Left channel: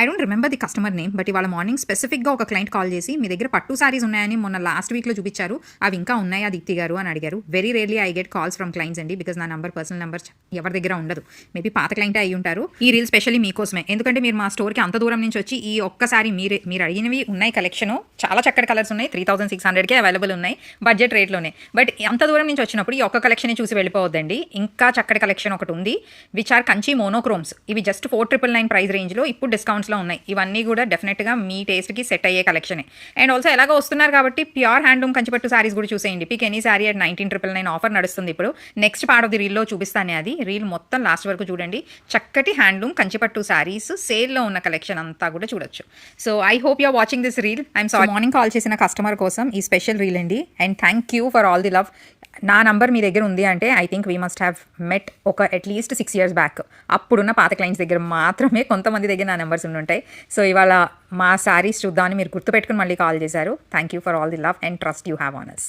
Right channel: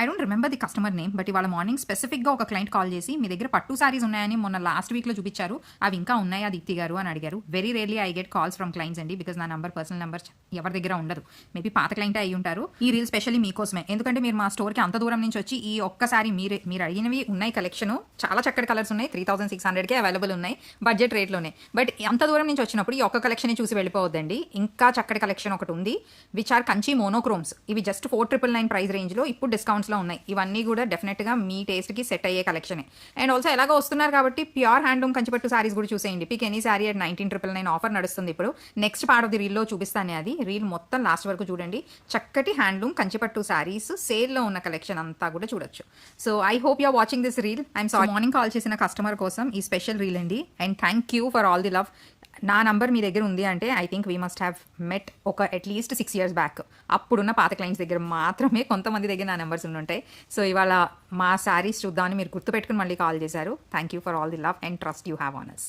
I don't remember the customer name, but ఇవాళ morning స్పెసిఫిక్గా ఒక క్లయింట్ కాల్ చేసి మీ దగ్గర పట్టు సారీస్ ఉన్నాయని మొన్న లాస్ట్ వీక్లో చూపించారు, అవి ఇంకా ఉన్నాయా దీప్తి గారు అని అడిగారు. Very rarely I get calls from clients అండి, బికాస్ నా పర్సనల్ నెంబర్ ఎవరి దగ్గర ఉండదు. మేబీ పాత క్లయింటే అయ్యి ఉంటారు. ఈ రీల్ స్పెషల్లీ మీకోసమే, ఎందుకంటే మీరు మా స్టోర్కి అంత దూరం నుంచి వచ్చి ఈ ఒక్కసారి మీరు అడిగినవి ఉన్నాయి కలెక్షన్, చాలా చక్కటి కలర్స్ ఉన్నాయి, 3600కే అవైలబుల్ ఉన్నాయి బడ్జెట్ రేట్లోనే. బట్ అంత దూరం నుంచి వచ్చినప్పుడు ఈ ఒక్క కలెక్షన్ చూసి వెళ్ళిపోవద్దండి. ఇంకా చక్కటి కలెక్షన్ ఒకటి ఉంది, విచ్ ఆర్ కంచి మోనోక్రోమ్స్. ఇవి జస్ట్ 4999 ప్రైస్ రేంజ్లో ఇప్పుడు డిస్కౌంట్స్లో ఉన్నాయి. ఇవన్నీ కూడా డెఫినెట్గా మీ టేస్ట్కి సెట్ అయ్యే కలెక్షనే. అండ్ ఆల్సో ఎలాగో వస్తున్నారు కాబట్టి ప్యూర్ హ్యాండ్లూమ్ కంచిపట్టు సారీస్ కూడా చూసేయండి. Pick any sari at 19999 offer నడుస్తుంది ఇప్పుడు. నెక్స్ట్ పార్ట్ ఆఫ్ ది రీల్లో చూపిస్తానే, అది రీల్ మొత్తం లాస్ట్ వరకు చూడండి. చక్కటి హ్యాండ్లూమ్ కంచిపట్టు సారీస్ సేల్లో ఉన్న కలెక్షన్ అంతా కూడా చూడొచ్చు. So I hope you are watching this reel. I'm sorry, morning call చేసిన కస్టమర్ కోసం ఈ స్పెషల్ రీల్ అండి. And thank you for all the love. నా నంబర్ మీ దగ్గర ఉంది అంటే I think we must have met ఒక అట్లీస్ట్ 6 years బ్యాక్. అప్పుడున్న పాత క్లయింట్స్ దగ్గర మాత్రమే కొంతమంది దగ్గర నా నెంబర్స్ ఉంటాయి. సో ఇవాళ మా సారీస్ చూద్దామని మీరు గుర్తుపెట్టుకుని మళ్ళీ కాల్ చేశారు. Thank you for all the love and trust you have on us.